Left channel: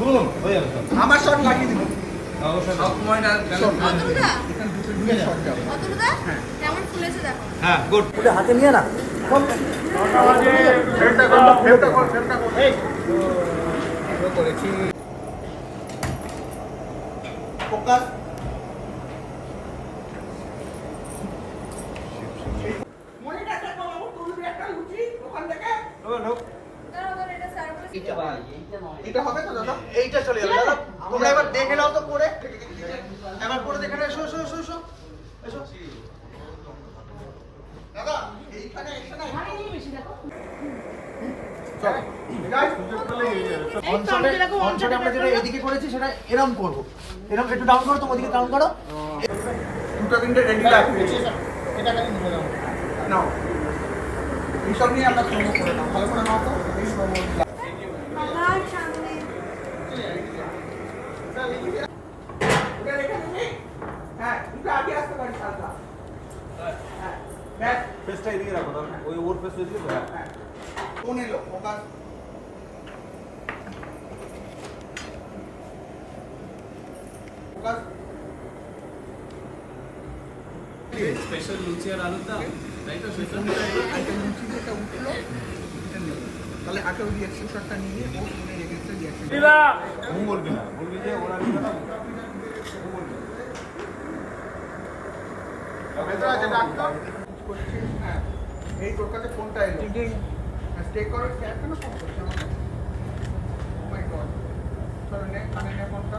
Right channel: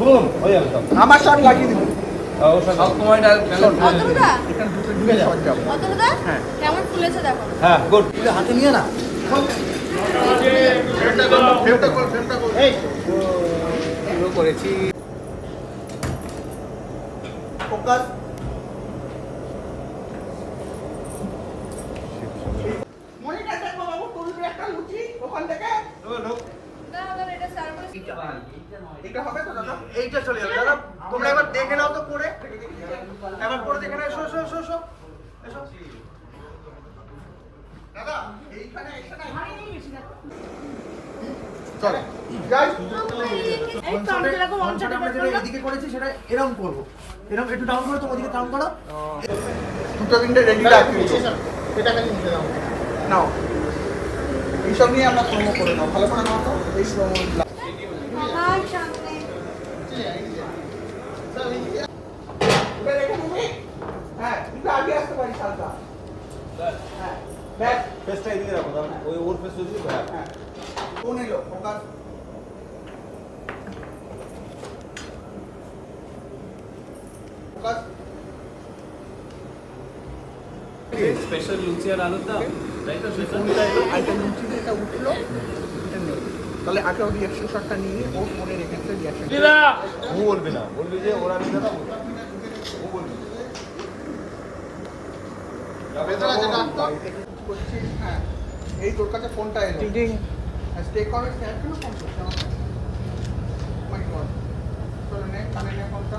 বলুন হয়ে যাবে সব। আমার সব লাগিয়ে দিন। সব সময়টা হ্যাঁ কেমন ফুলেছে দেখো। হ্যাঁ গুড। তুলে হাতে নিয়ে না করেছি ফোকাস। এটা হবে তো দাদা? এইটা চলে যাবে দাদা। তোমরা এবার দেখে নাও তো পরে। এবার পরে দেখে নাও। এসো এসো এসো এসো এসো। দাদা এইখানে এসে না চলো যাই। অনশটে আমরা যেটা এদিকে করেছি সেটা এরকম করবো। এরকম একটু ডাউন করো, তো ওদিকে ডাউন করো। দুটো তিনটে রেডি রাখি। এটা কাছে নিয়ে নাও। নাও এইসব নিয়ে আমরা সমস্যা করে নাও। কল্পনা করো এই সব আমার সামনে ফেসটা এদিকে রাখো, তাহলে ওই ওর ফেস ওদিকে তো। হ্যাঁ কোন এলো ফোকাস। ফোকাস। স্পেশাল লুচি আর আলুর দম, তাই তো? সেটা এলো, আইটা লুচি যেটা উঠলো এটা নেব। তাহলে আগে ওই রিয়াকশন শটটা নিয়ে ও মনে রেখেছে রিয়াকশন। আমি বলবি না, বলবি যে ওরা নিবে না। ভেতরে আছে ডাক্তার। হ্যাঁ এই তোর কাছে ফোনটা এলো। টিং স্টে করে এখনো ফোন করছে। মাই গড। চলো নে কানে নে ফোনটা।